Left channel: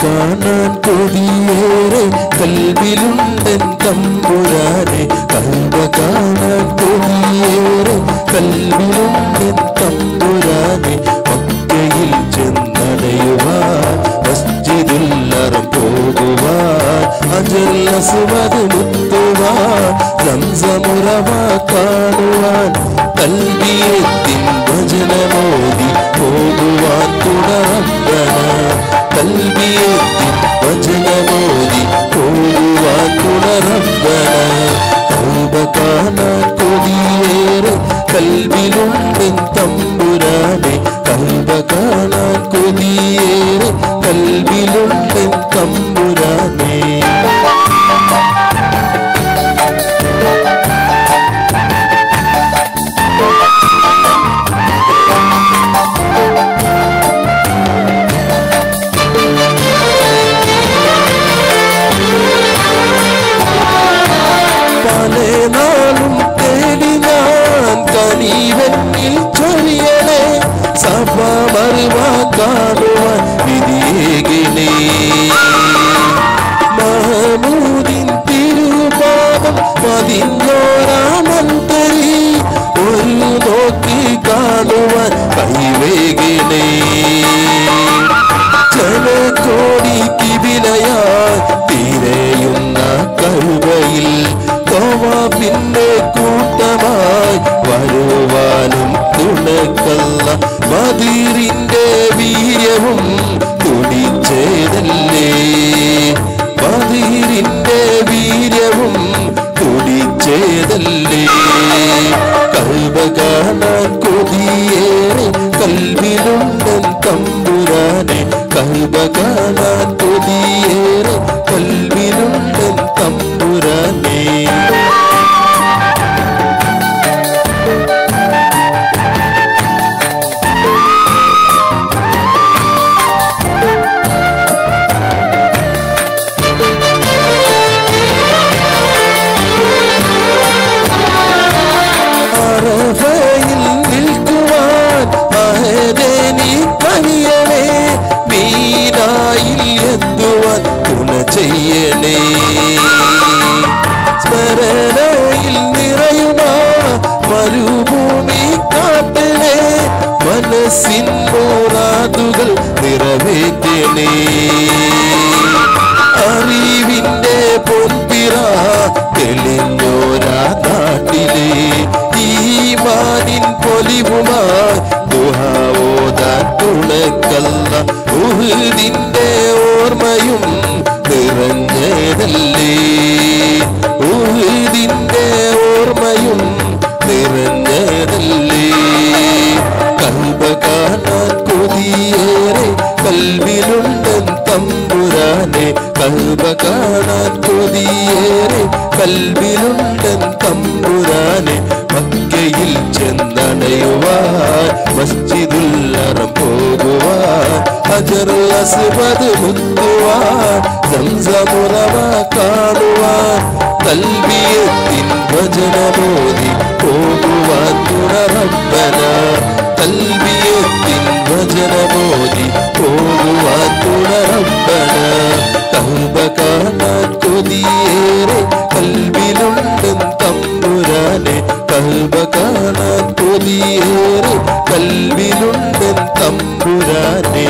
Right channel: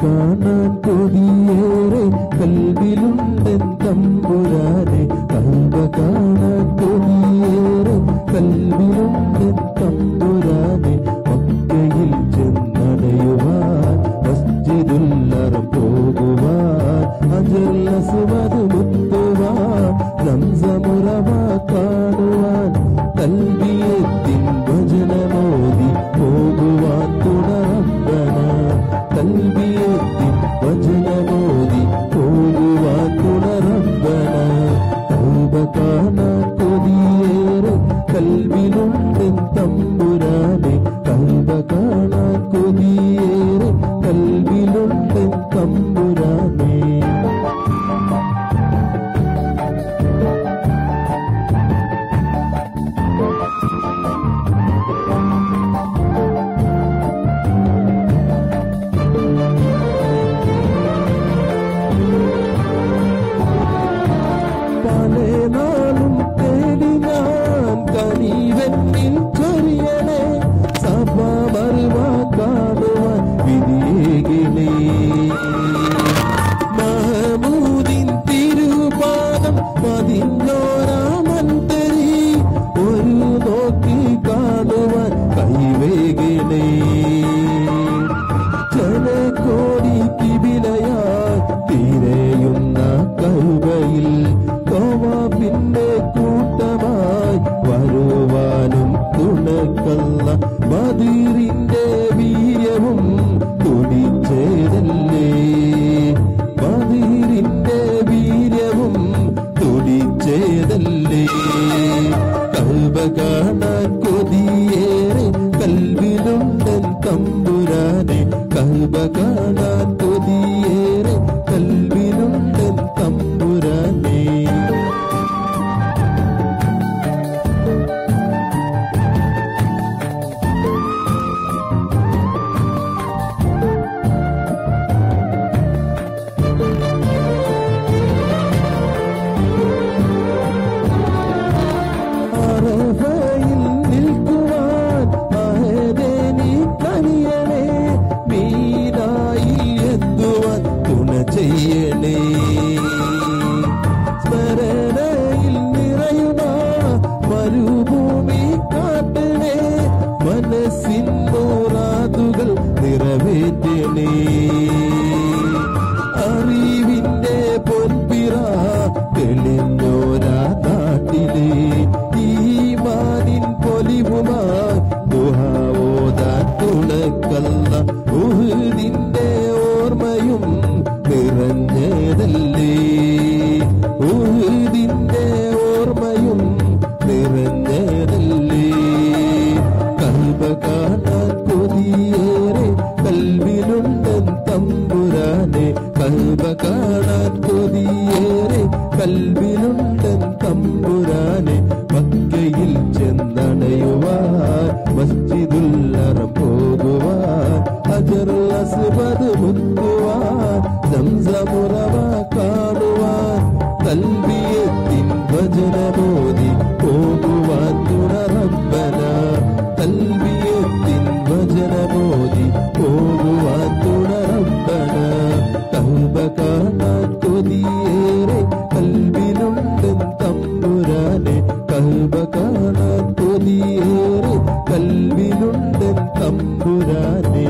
കാണാൻ കൊതിയേറെ കൽവിലുണ്ടൻ തമ്പുരാനെ കൽബ കാണാൻ കൊതിയേറെ കൽവിലുണ്ടൻ തമ്പുരാനെ മക്കയിൽ ചെന്നടയുവാൻ മസ്ജിദുൽ ഹറം പോകുവാൻ ഹജറുൽ അസ്വദ് മുത്തുവാൻ സംസമുറവ കാണുവാൻ കൽബിയത്തിൻ ഭജനമോദി പോകുവാൻ തുടറബ്ബന കൽബിയത്തിൻ ഭജനമോദി പോകുവാൻ തുടറബ്ബന കൽബ കാണാൻ കൊതിയേറെ കൽബിലുണ്ടൻ തമ്പുരാനെ കൽബ കാണാൻ കൊതിയേറെ കൽബിലുണ്ടൻ തമ്പുരാനെ നാളും തേടി ഞാൻ കനിവന്നിൽ ചൊരിയണേ സഭ മറുവാ കാണുവാൻ വിധിയേകിനേ മഹമൂദിൻ തിരുപാദം പതിഞ്ഞോരാമന്തരി ഒരു നോക്കി കാണുവാൻ കൈവേകിനേ ജനകോടി കിബിലയാൽ തിരയുന്ന കൽബയിൽ പിന്നെ കൂട്ടമായി വരുവാനും തുണക്കല്ല മദീറിന്റെ വീര്യവും തുടിച്ചേതല്ലേ മദീറിന്റെ വീര്യവും തുടിച്ചേതല്ലേ കൽബ കാണാൻ കൊതിയേറെ കൽവിലുണ്ടൻ തമ്പുരാനെ കൽബ കാണാൻ കൊതിയേറെ കൽവിലുണ്ടൻ തമ്പുരാനെ സ്മരണയിൽ നിറയുമാ മരുഭൂമി കാട്ടണേ മനസ്സിൻ മുറാദുകൾ നിറവേറ്റണേ അറിവിന്റെ പൊൻപിറ തെളിഞ്ഞോരാ നാട്ടിലെ ഈമാനിൻ പൊലിവുമായി ദുആഓതാൻ തുണക്കല്ല ഉഹുദിന്റെ ഓർമ്മയും നിറഞ്ഞതല്ലേ ഉഹുദിന്റെ ഓർമ്മയും നിറഞ്ഞതല്ലേ കൽബ കാണാൻ കൊതിയേറെ കൽവിലുണ്ടൻ തമ്പുരാനെ കൽബ കാണാൻ കൊതിയേറെ കൽവിലുണ്ടൻ തമ്പുരാനെ മക്കയിൽ ചെന്നടയുവാൻ മസ്ജിദുൽ ഹറം പോകുവാൻ ഹജറുൽ അസ്വദ് മുത്തുവാൻ സംസമുറവ കാണുവാൻ കൽബിയത്തിൻ ഭജനമോദി പോകുവാൻ തുടറബ്ബന കൽബിയത്തിൻ ഭജനമോദി പോകുവാൻ തുടറബ്ബന കൽബ കാണാൻ കൊതിയേറെ കൽബിലുണ്ടൻ തമ്പുരാനെ കൽബ കാണാൻ കൊതിയേറെ കൽബിലുണ്ടൻ തമ്പുരാനെ